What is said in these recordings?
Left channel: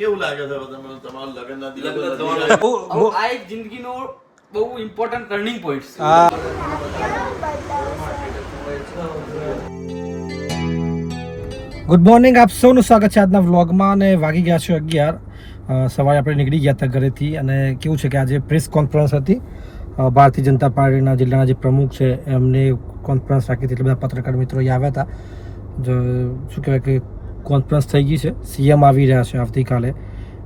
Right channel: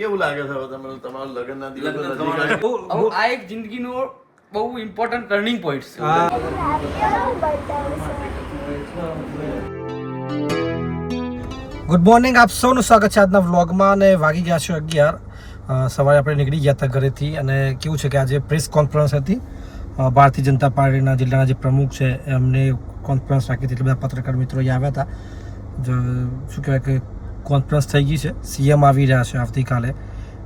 કેવું લાગે છે તમે તમારા લગ્નના દિવસે આ એક જિંદગીનો બહુ ઇમ્પોર્ટન્ટ ટર્નિંગ પોઈન્ટ છે. ગુડ મોર્નિંગ, આપ સૌનું સ્વાગત છે આજના વ્લોગમાં. અને વાગી ગયા છે 11. સવારે આપણે નીકળી ગયા હતા ઘરેથી અને કેવું છે કે આજે પ્રેસ કોન્ફરન્સ હતી. ભારતીય જનતા પાર્ટીના જિલ્લાના જે પ્રમુખ છે એમને કોન્ફરન્સ રાખી હતી, એટલે બધા પત્રકાર મિત્રો આવ્યા હતા. શું કહેવાય કે કોન્ફરન્સ થઈ ગઈ છે. સીએમ આવી રહ્યા છે આવતીકાલે,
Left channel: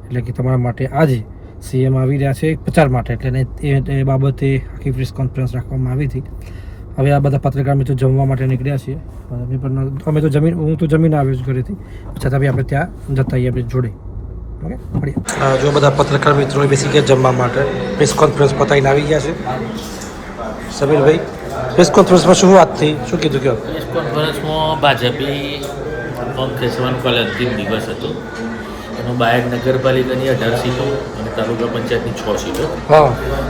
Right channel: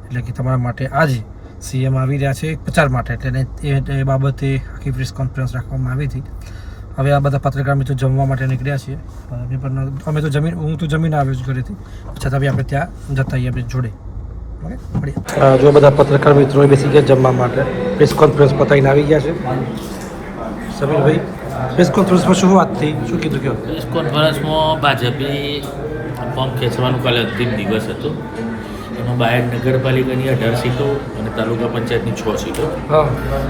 એટલે કે તમારા માટે આજે સીએમ આવી રહ્યા છે પ્રચાર માટે, એટલે એ બાબતે આખી પ્રેસ કોન્ફરન્સ રાખવામાં આવી હતી. હવે આ બધા પત્રકાર મિત્રો જમવા માટે નીકળ્યા છીએ. અમે તો હું તો જમીન આવ્યો છું ઘરેથી, છતાં બી આપણે ત્યાં જતા આવીએ આપણે જોડે. જો બધા પત્રકાર મિત્રો બેસી ગયા જમવા માટે. પ્રેસ કોન્ફરન્સ પતાવીને આવી ગયા છે. સમીરભાઈ, પ્રેસ કોન્ફરન્સમાં શું વાત થઈ, શું કીધું કહો? પ્રેસ કોન્ફરન્સમાં ભાજપે ફોર્મ ખેંચવાનું કાલે અંતિમ દિવસ હતો. એમાં બાયડ નગરપાલિકાની 18 સીટો અને તાલુકા પંચાયતની 6 સીટો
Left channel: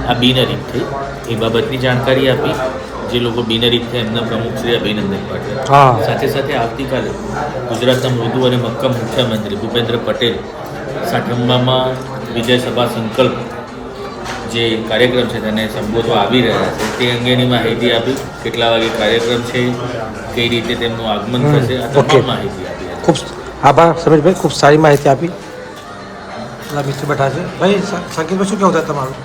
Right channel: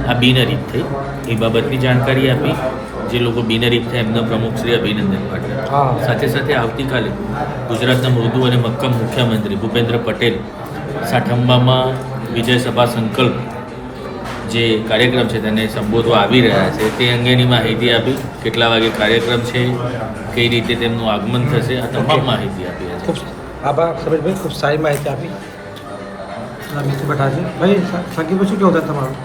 આ બિનહરીફ થઈ. એ બાબતની જાણકારી આપી. જે લોકો બિનહરીફ થયા એમના પ્રમુખ શ્રી અભિનંદન પાઠવ્યા. સાથે સાથે આવતીકાલે ગુજરાતના મૃદુ અને મક્કમ મુખ્યમંત્રી ભૂપેન્દ્ર પટેલ સાઠંબામાં વિજય સભા સંકલ્પ જે કાર્યક્રમ છે તેને સંબોધવા આવી રહ્યા છે. તે અંગેની માહિતી આપી. કેટલા વાગે કાર્યક્રમ છે, કઈ રીતે તેમનું આગમન થશે, આ તમામ માહિતી આપી. ખૂબ આભાર સમીરભાઈ, ખૂબ સારી માહિતી આપી. મિત્ર બેઠા છે ભાઈ. સંકેતભાઈ, શું કહેવું તમારું?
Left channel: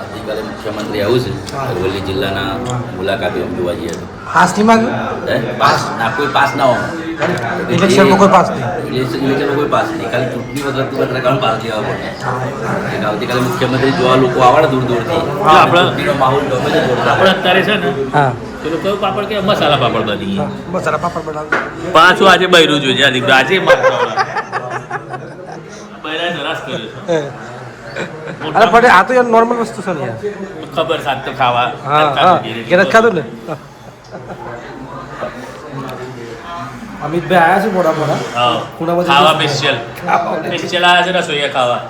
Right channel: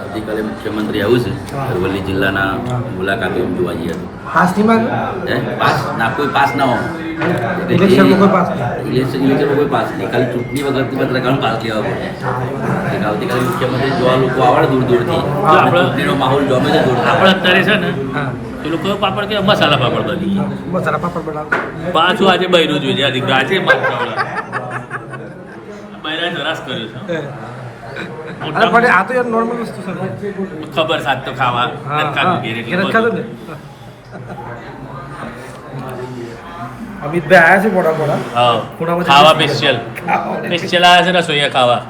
આવતીકાલે મુખ્યમંત્રી આવું છે અરવલ્લી જિલ્લાના મુલાકાતે જોવા જઈએ તો પાસ નહીં માંગે? પાસ ના, કોઈ પાસ ના હોય. ઇલેક્શનમાં કોઈ પાસ નહીં. ઇલેક્શનમાં કોઈ પાસ નહીં. ખાલી ચૂંટણી વખત પત્રકારનો પાસ લેવા પડે. આવતીકાલે મુખ્યમંત્રી જોવા લોકો આવડે દૂર દૂરથી. ચૂંટણીનો માહોલ ગમે છે જોરદાર. આપણે અત્યારે છે ને પેલો કયો પાપડ કે મસાલા પાપડ કરી મસાલા પાપડ બનાવ. પાછું આજે બૈરું જોઈએ આજે બૈરા સરસ કર્યો છે. અરે પણ આ તો યાર નોર્મલ વસ્તુ છે યાર. ખબર સાથ તો ખાવા. એને ખાધું ને. અમિતભાઈ આવ્યા છે મોડા ખાવા સ્પેશિયલ આવ્યા છે રસોઈયા ખાવા.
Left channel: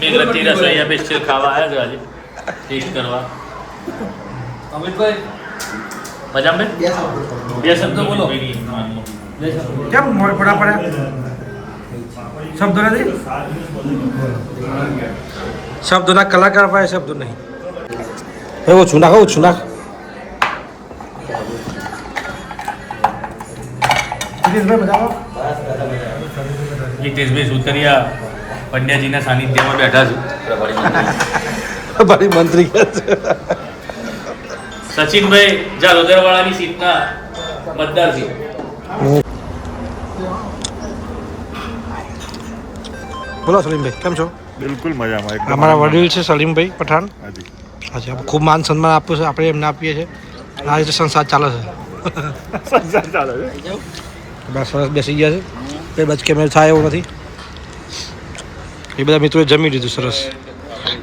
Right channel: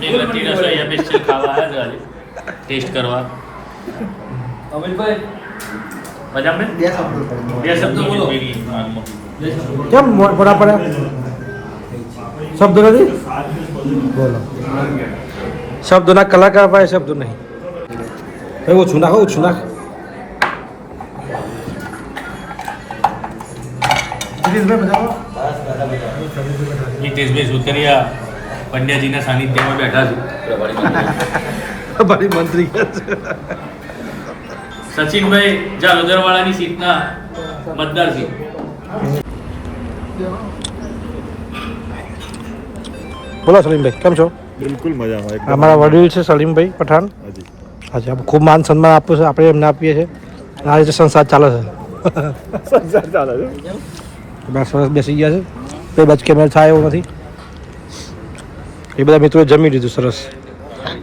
મેઘરતી રસોઈયા સ્પેશિયલ ખાવા આવ્યા છે ટેસ્ટ કરવા. અમિતભાઈ મજામાં બે શબ્દો બોલો. કેમ મોડા પડ્યા? શબ્દો નથી, શબ્દોના કલાકાર પાસે શબ્દો નહીં. ભાઈ ઓછું નાખ, ઓછું નાખ. હિતેશભાઈ સુતરિયા પંડ્યાજીના સાનિધ્યમાં બેઠા છું. પ્રભારી મંત્રી સચિનભાઈ જાલોદરવાળાની સીટના મતદાર છે. બોલો સલીમભાઈ, કેમ છો? બિલકુલ મજામાં. અમારા વડીલ છે સલીમભાઈ પઠાણ. હાજી, આપણે ખૂબ માન સન્માન આપ્યું છે, આપણે એમને આપીએ છીએ. આ રીતે સંસાર ચાલે છે. સંસાર ચાલે છે. બસ સરસ બેસી ગયા છે, કોઈ બચ કેમેરા થાય એવું નથી. એ બધા મિત્રોએ જમી લીધું સરસ.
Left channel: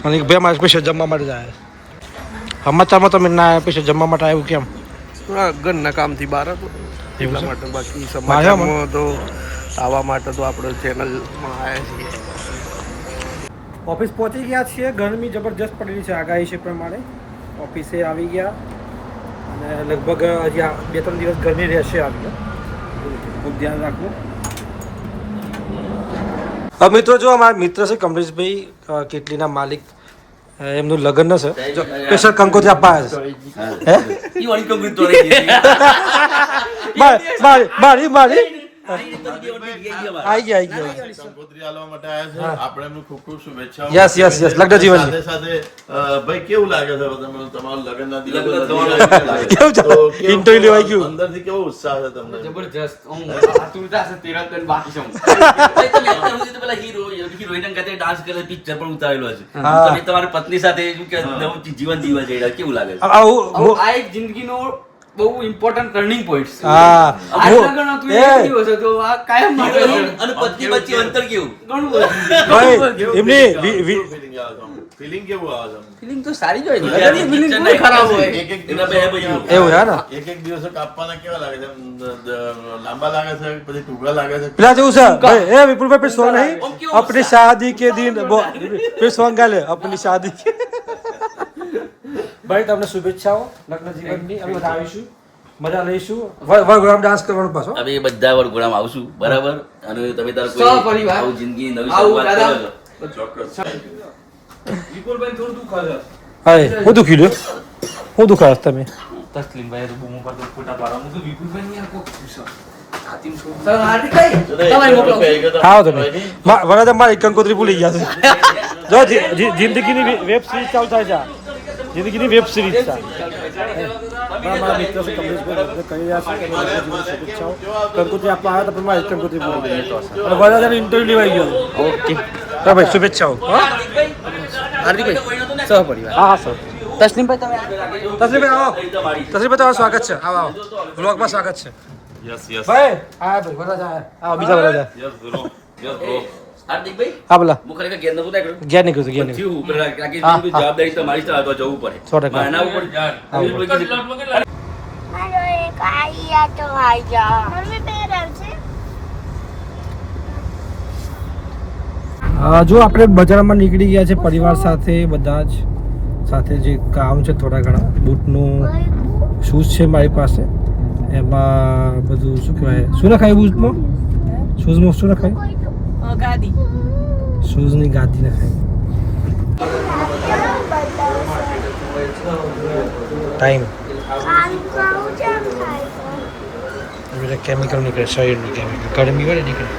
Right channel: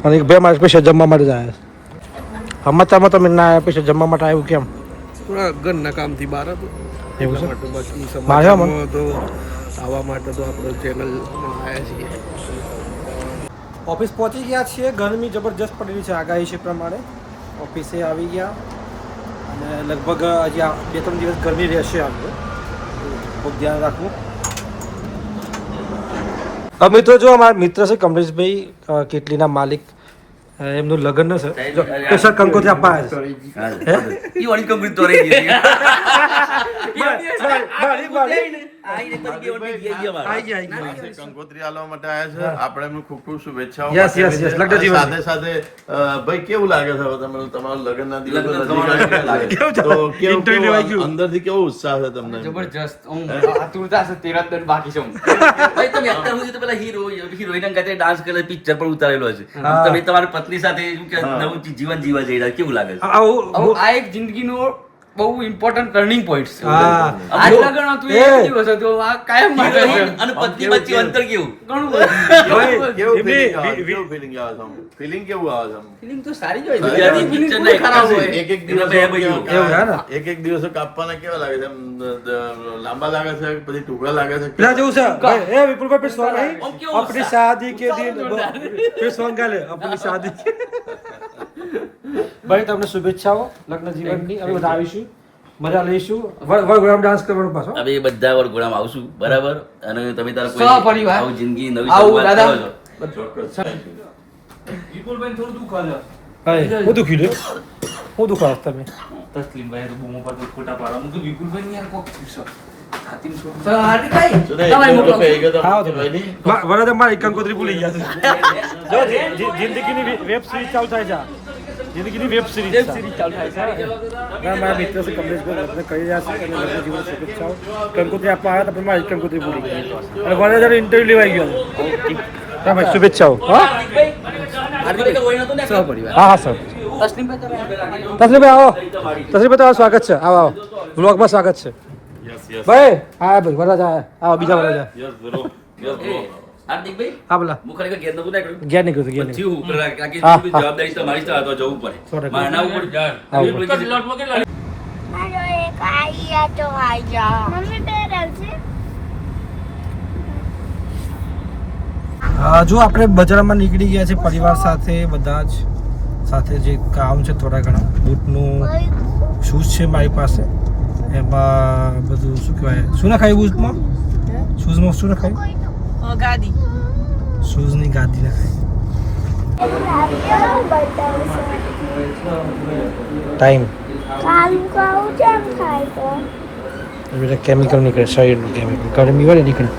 અને એક ભાઈ મારે સ્પેશિયલ જમવા માટે જ આવ્યા. સમાચારમાં તમે ના આવ્યા, સ્પેશિયલ જમવા માટે આવ્યું કેમ? થોડા ઘરના કામથી બહાર હતો એવું છે? માટે. બાકી સમાચારમાં તો આવવા માટે તો આપણે ચેનલમાં આવ્યા છીએ. ઓફિસ પહોંચી ગયા છીએ. ગરમી જબરજસ્ત પડેલી છે, આગાહી છે પ્રમાણે. ઓફિસે આવી ગયા અને લગભગ હજી 2-3 દિવસ ગરમી રહેશે. આવ્યો ખૂબ ધ્યાન રાખવું. મિત્રો, જો અમારા મિત્ર છે કમલેશભાઈ, કેટલીના માલિક, એમનું લગ્ન છે. જો સ્પેશિયલ કંકોત્રી આપવા કંકોત્રી આલવા માટે આવ્યા છે. આપણે એમનું ખૂબ ખૂબ શુભેચ્છાઓ. Yes yes yes. લગ્ન જીવન સાથે સાથે ભાઈ કેવું લાગે છે તમે તમારા લગ્નના દિવસે કેવું ચાલે? ઇન્ટરવ્યુ લેવાઈ ગયું. અંદરથી કેવો ઉત્સાહ છે તમને? જબરજસ્ત. હું આતુરતા છે 13 દિન બાકી છે. ભાઈ તમે અત્યાર સુધી તો પેલા હિરોઈન સાથે ડાન્સ કરે પિક્ચર પણ ઉતારેલો છે. તમે તમારી પત્ની સાથે શું કે નવું જીવન જીવવા જઈ રહ્યા, કેવું લાગે છે? આ એક જિંદગીનો બહુ ઇમ્પોર્ટન્ટ ટર્નિંગ પોઈન્ટ છે. હા. આ લગ્ન હતું એક દિવસ હતો, આ કાયમ માટે છે. અને પત્ની વચ્ચે અંતર કેવું? ઘણું બધું. ભાઈ, એમની ફિલિંગ કેવું આવે છે? ફિલિંગ તો સારી જ હોય છે. બીજાની ફિલિંગ picture કોઈ ખરાબ હોય. એક એક એના બે ભાઈઓ. એવું છે ને? એક દિવસો કાપવાના કેવા લાગે છે? લાંબા લાગે છે પછી ટૂંકા લાગે છે? પેલા જેવું છે ભાઈ. એ વિપુલભાઈ पे सॉन्ग नहीं, अपनी शादी के दिन पे सॉन्ग गाले अपनी शादी. ભાઈ તમને શુભેચ્છાઓ લગ્ન જીવનની. અમે બધા આવીશું. મજા લઈશું વરઘોડામાં ડાન્સ કરવાનું પાછો હવે એ બધા વરઘોડામાં આવશું બરાબર અને તમે તાર સહપરિવાર. આવું જિંદગી નવી આવું શરૂઆત દાદા. કરો છો. વિપુલભાઈ થોડું દુઃખ હશે. હા હું દુખી લ્યો હું દુખાશ તમે તસ્લીમભાઈ તો બૂમો પાડું ખોટા પાડવાનું તો વિપુલભાઈ ની યાર કોક પૂછો. સર હાર્દિકભાઈ તમારે મોકલો. હા તમે વરાજા મારી કંકોત્રી ભૂલી ગયા છો જો જિંદગીની વેબ સિરીઝ ચાલુ થાય છે જિંદગીની વેબ સિરીઝ છે મારા મિત્ર છે કમલેશભાઈ લગ્ન કરી રહ્યા છે અને લગ્ન જીવન શુભેચ્છાઓ કંકોત્રી આપવા આવ્યા હતા પણ મારી કંકોત્રી ભૂલી ગઈ અને વરાજાનો ઇન્ટરવ્યુ લેવાઈ ગયો હા ભાઈ શુભેચ્છાઓ હા હાર્દિકભાઈ સહપરિવાર. હા સર તસ્લીમભાઈ તમે તસલીમભાઈ આવો તસલીમભાઈ તમારું સ્વાગત છે આવો આવો વ્લોગમાં સ્વાગત છે ભાઈ હા ભાઈ વરાજા આવો બીજા વરાજા હાર્દિકભાઈ હા બોલા હું ખરેખર ઘેર નતું બેઠો. ગયા નીકળ્યું હતું ગયા થયું ઉપર કારણ કે હા, બધી હા. જવાબદારી તમારી છે, આ તો જવું પડે 100%. મારે ના ઉપર આવું જો આપણે બજારમાં નીકળી ગયા છે પરિવાર સાથે બધા જ સાથે જે કામ છે થોડા ઘણા બૂટનું શૂઝ છે મારી પાસે એમાં બધું શું કહેવાય શું નખાય બૂટમાં શૂઝમાં શું નખાય ગાદી શૂઝની ગાદી નખાય ટાઈમ એટલે કેમિકલ નીકળે શરીરનું કેમિકલ ગરમી હોય ને નીકળે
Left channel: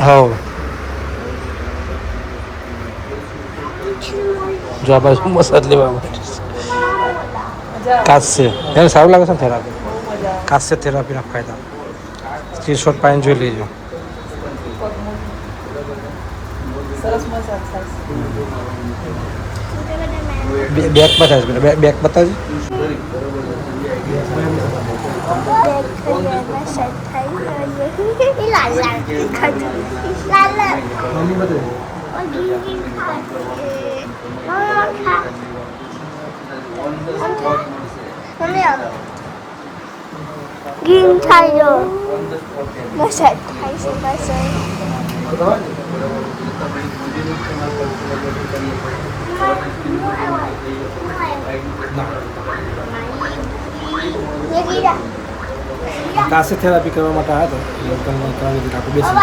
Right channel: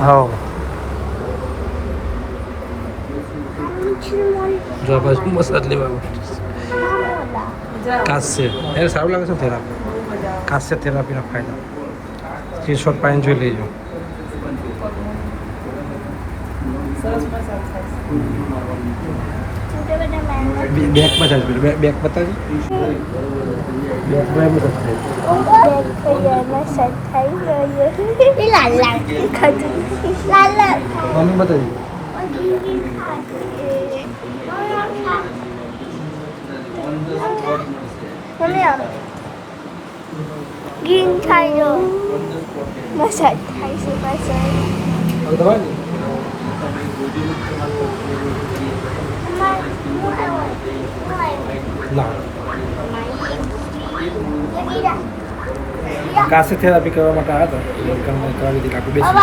હા જો આ બાજુ મસાજ લેવા માટે કાસ્ય એને સારું લાગે છે ને થેરાપી કાસ્ય થેરાપીના ફાયદા સ્ક્રીનશોટ પાડીને જોઈ લેજો બેકમાં થાય છે બેક બતાવજો બેકમાં એમ મમ્મી બતાવજો Green Tiger. Massage થાય છે પાછળ. કાસે થેરાપી કરવા માટે આવ્યા હતા અંકલમાં કરાવી દીધી આખું બેસી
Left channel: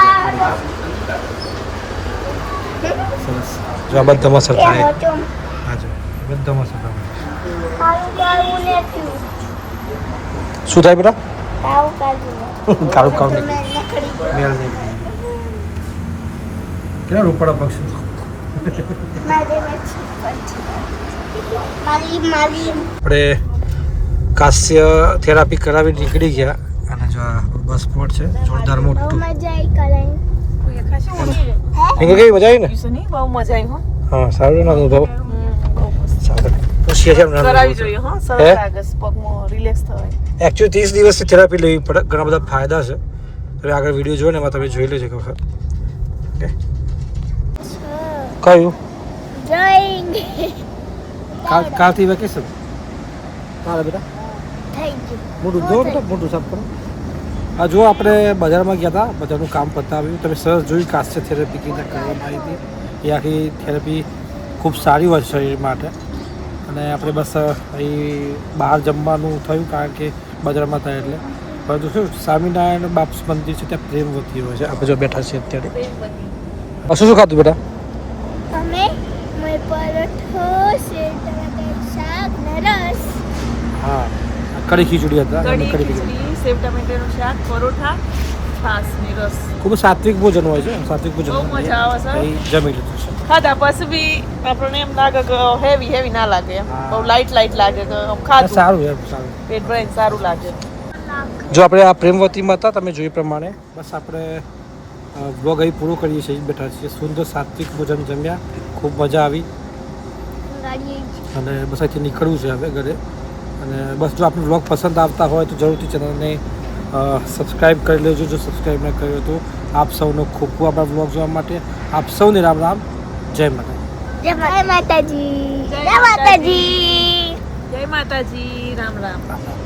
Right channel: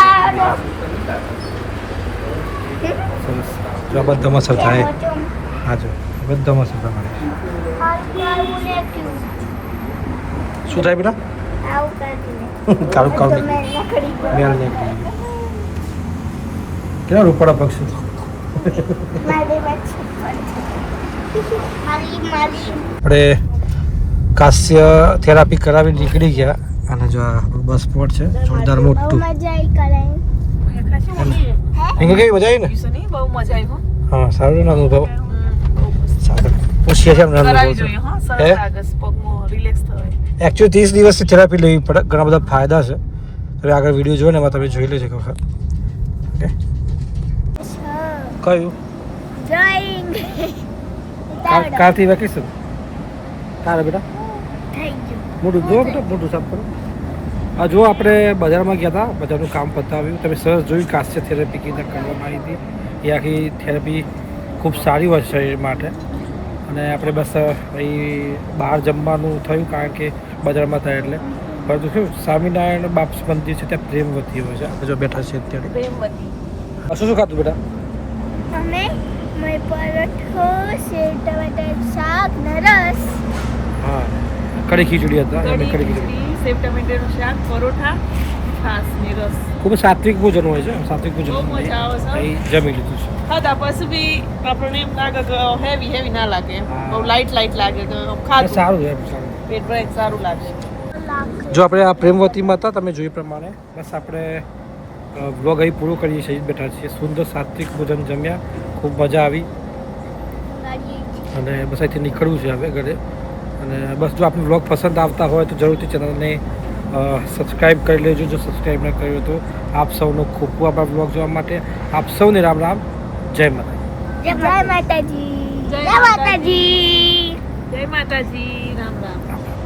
સરસ જો આ બધા મસર થાય હા જો બધા મસર થાય શું થાય બેટા કાળું કાળું નીકળ્યું મેલ નીકળી કેટલા રૂપાળા પક્ષી આપણે કાસ્ય થેરાપી કરાવી નીકળી ગયા અને જો આ બસ સ્પોટ છે જોરદાર મોટું કેવી મજા આવી ને નહીં બહુ મજા આવી હો હા સારું અનુભવ સારું પૂછીએ છીએ અમને અનુભવ કરાવી તો જોઈએ હો સરસ હે? લાગે છે, પગમાં રિલેક્સ થાય એકચ્યુઅલી 30 દિવસથી થેરાપી લેવી પડે ઘણા બધા ફાયદા છે તમે આગળ વિડીયો જોયો ને એમાં તમે જોઈ લેજો કે વખત ઓકે કયું કાલથી વેકેશન કાલે બેટા મોટું જો બેટા મોટું સાફ કરો આ જો આપણે બજારમાં ગયા હતા બજારનું કામ પતાવ્યું તમે સરસ જોયું કાસ્ય થેરાપી કેવી રીતે કરવામાં આવી હતી એ આખી થેરાપી ખૂબ સારી હોય છે શરીર માટે અને આપણે બસ અહીં બહાર જમવાનું થયું કારણ કે બજારમાં થાય એટલે પરંતુ શું સ્વામિનારાયણ બાપ મંદિર છે ત્યાં પ્રેમવતી હોય છે આપણે જો બેઠા છીએ અત્યારે શું શું ખાતું બેટા અમે મય પરોઠો સેવ ટમાટર શાક ને રસ હા કઢી ખીચડી હતા અને કઢી ખીચડી ખીચડી સેવ ટમેટાનું શાક પરોઠા છાસ ને રસ ખૂબ જ સાત્વિક ભોજન હોય છે સાત્વિક ભોજન બહુ મજા આવે છે. અહીં જમી લીધું છે ખાધા પછી બી આપણને એમ લાગે કે હેવી ના લાગે એમ હા. બહુ લાઈટ લાગે કે આમ ખાધું સારું એમ સારું પેટ ભરાય સારું લાગે જો આપણે આ પ્રેમવતીમાં હતા તમે જોઈ પ્રમાણે બસ આપણે વ્લોગ અહીં પૂરો કરીએ છીએ બેઠા છીએ સુંદર સાત્વિક ભોજન જમ્યા ખૂબ મજા આવી અને બસ અહીંથી નીકળવું છે હવે ઘરે અને બસ જો આપને વ્લોગ પસંદ આવતા હોય તો જરૂરથી ચેનલને સબસ્ક્રાઈબ કરી લેજો જો સબસ્ક્રાઈબ ન કર્યો તો આપ સૌનો ખૂબ ખૂબ આભાર વ્લોગ જોવા માટે આપ સૌને રામ રામ જય માતાજી જય માતાજી જય માતાજી જય માતાજી રામ રામ રામ રામ